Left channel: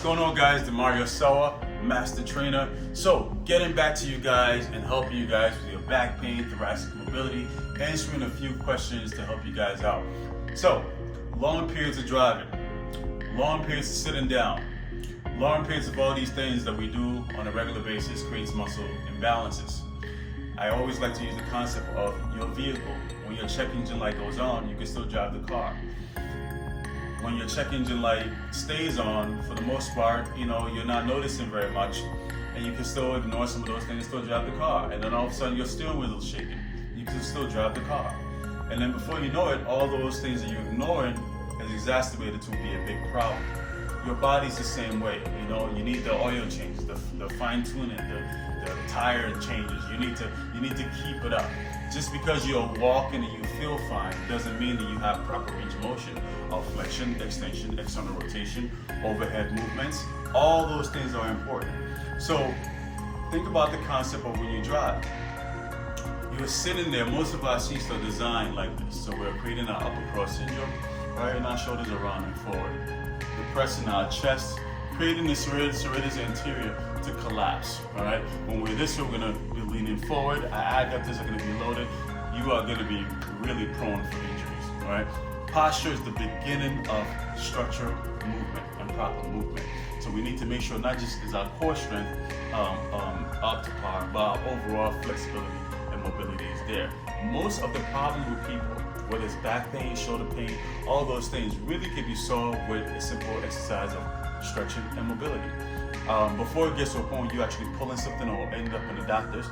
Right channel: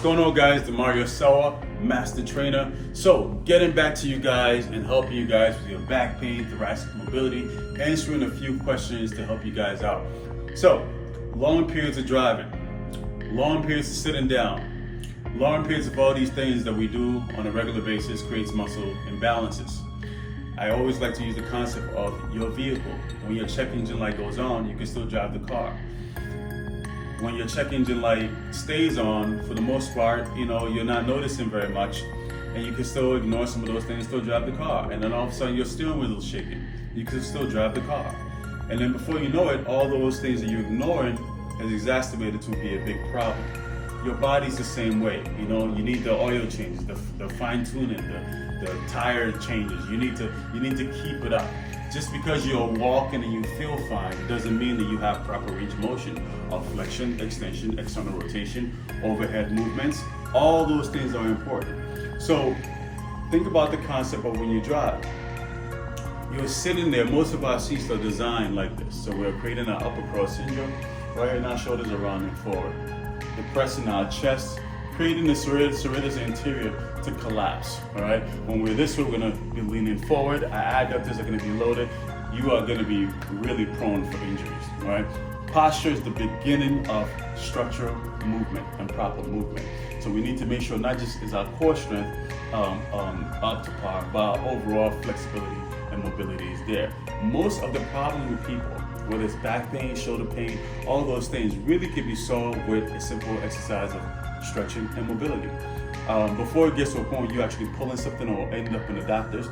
What's going on, guys? Demario Sawa, Master Trainer. So, getting back to you guys and helping you guys with your back pain, thoracic mobility, answering a few questions to help you guys out. So, long periods of driving, long periods of sitting down, long periods of all these things that we do on a regular basis creates muscle imbalances. I always like to use the concept of your vehicle. When your check engine light goes on, you can still drive the car. When your check engine light stays on, for the most part, you're not noticing very much, and you can still ignore some of those things, still drive the car. And then all of a sudden your steering wheel is shaking. You can still drive the car. And then before you know it, all those things that you're ignoring has exacerbated to be a big problem. Your body's the same way. You need the oil changes, the fine tuning, the tire changes. You need to keep it up. Just because you're walking and you feel fine doesn't mean that you have proper range of motion of flexion, extension, external rotation, overhead movements. All those things are important. So think about the concept of when you drive. You're sitting there, most of our seats are designed like this. So we're creating an upper cross syndrome, right? And our shoulders are rounding forward. Depressing our chest, creating the serratus anterior to collapse, all right? When we're this way, we're gonna be leaning forward. Our adductors are gonna be loaded. You are gonna be really prone for injuries, all right? Posture is the beginning of structural movement and proper movement. So we need to make sure not just is our core strength up to par, but our overall flexibility and mobility is there. Most of the problem with people, whether it's back pain, shoulder pain, all of those things really can be solved with a simple exercise of stretching and mobility. Before it gets to a point where you're actually pulling something or ending up in the doctors,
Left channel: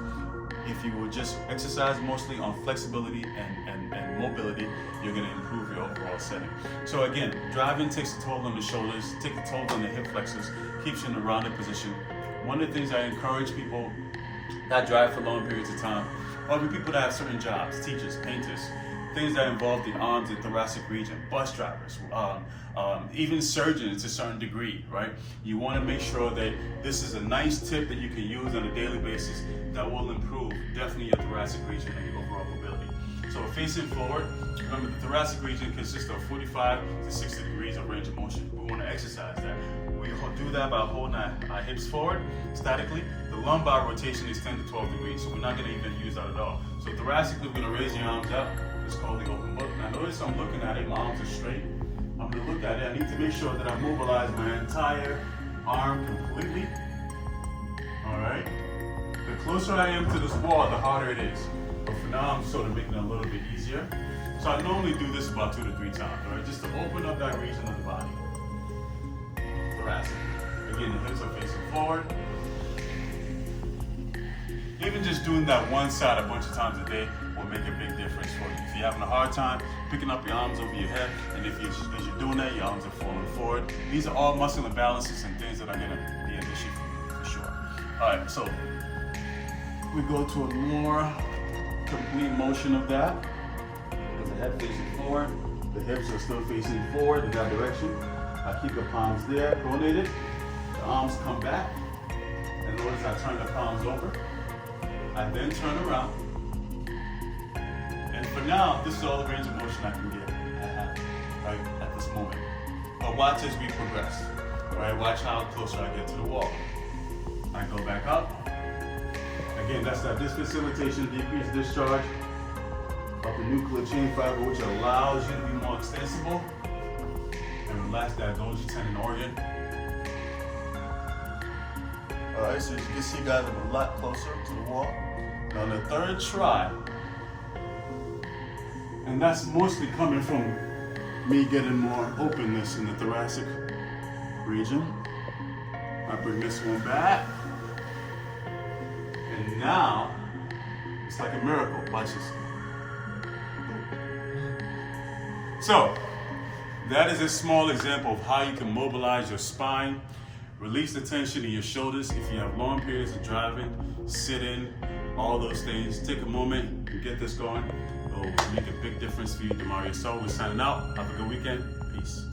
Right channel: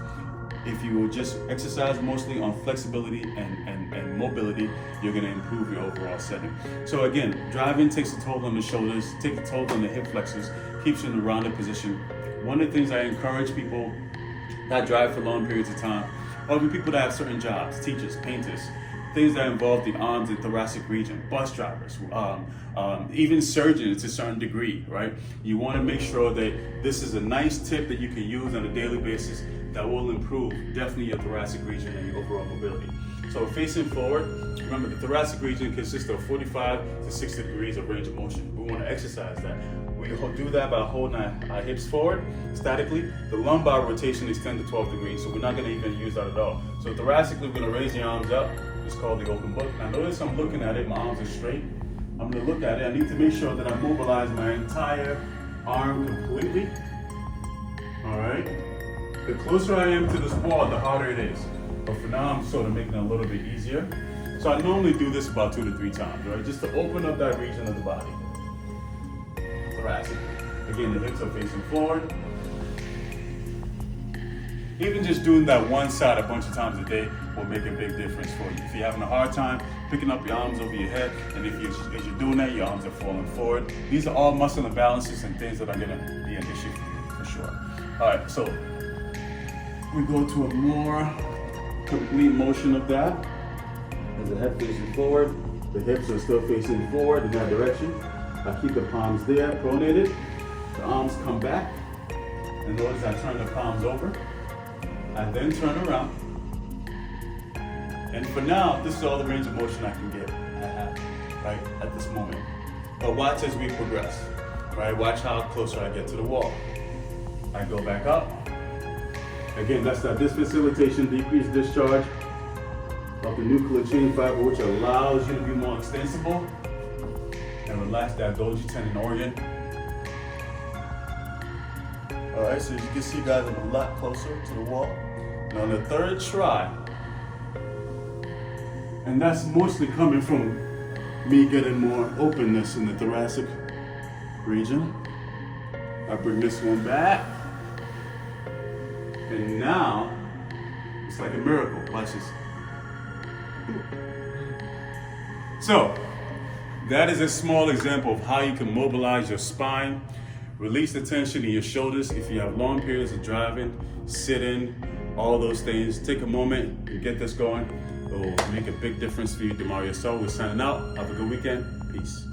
if you will just exercise mostly on flexibility and mobility, you're going to improve your overall setting. So again, driving takes a toll on the shoulders, takes a toll on the hip flexors, keeps you in a rounded position. One of the things I encourage people that drive for long periods of time, or even people that have certain jobs, teachers, painters, things that involve the arms and thoracic region, bus drivers, even surgeons to a certain degree, right? You want to make sure that this is a nice tip that you can use on a daily basis that will improve definitely your thoracic region and your overall mobility. So facing forward, remember the thoracic region consists of 45 to 60 degrees of range of motion. We want to exercise that. We do that by holding our hips forward statically. The lumbar rotation is 10 to 12 degrees, so we're not going to even use that at all. So thoracically, we're going to raise your arms up. It's called the open book. Now notice I'm looking at it, my arms are straight. I'm going to look at it. I need to make sure that I mobilize my entire arm completely. All right. The closer I am to this wall, the harder it is. But for now, I'm sort of making it a little bit easier. So I normally do this about 2 to 3 times, right? Just to open up that region of the body. Thoracic. Again, the hips are facing forward. Even just doing that one side a bunch of times a day will make a big difference for you. If you're having a hard time picking up your arms over your head, and as you're doing that, your arms are falling forward. These are all muscle imbalances and things that are gonna be an issue for you, for sure. All right, so we go to a more complete motion of that. As the head facing forward, the hips are still facing forward in that direction. I keep the palms there, pronated. The arms come back. And notice I turn the palms over. I then turn around. And for now, this is all the range of motion I can get right at this moment. But watch as we progress. Right? Watch how closer I get to the wall. I go back up. Again, that's that disfacilitation, decreased discharge of the nuclear chain fiber, which allows you to be more extensible and relax that Golgi tendon organ. All right, so as you can see, guys, I'm a lot closer to the wall. Now on the third try, and that's mostly coming from me getting more openness in the thoracic region. I bring this one back. And now, it's like a miracle. Watch this. So, that is a small example of how you can mobilize your spine, release the tension in your shoulders if you have long periods of driving, sitting, all those things. Take a moment and get this going. It will make a big difference for you. Demario Sawa, we're signing out. Have a good weekend. Peace.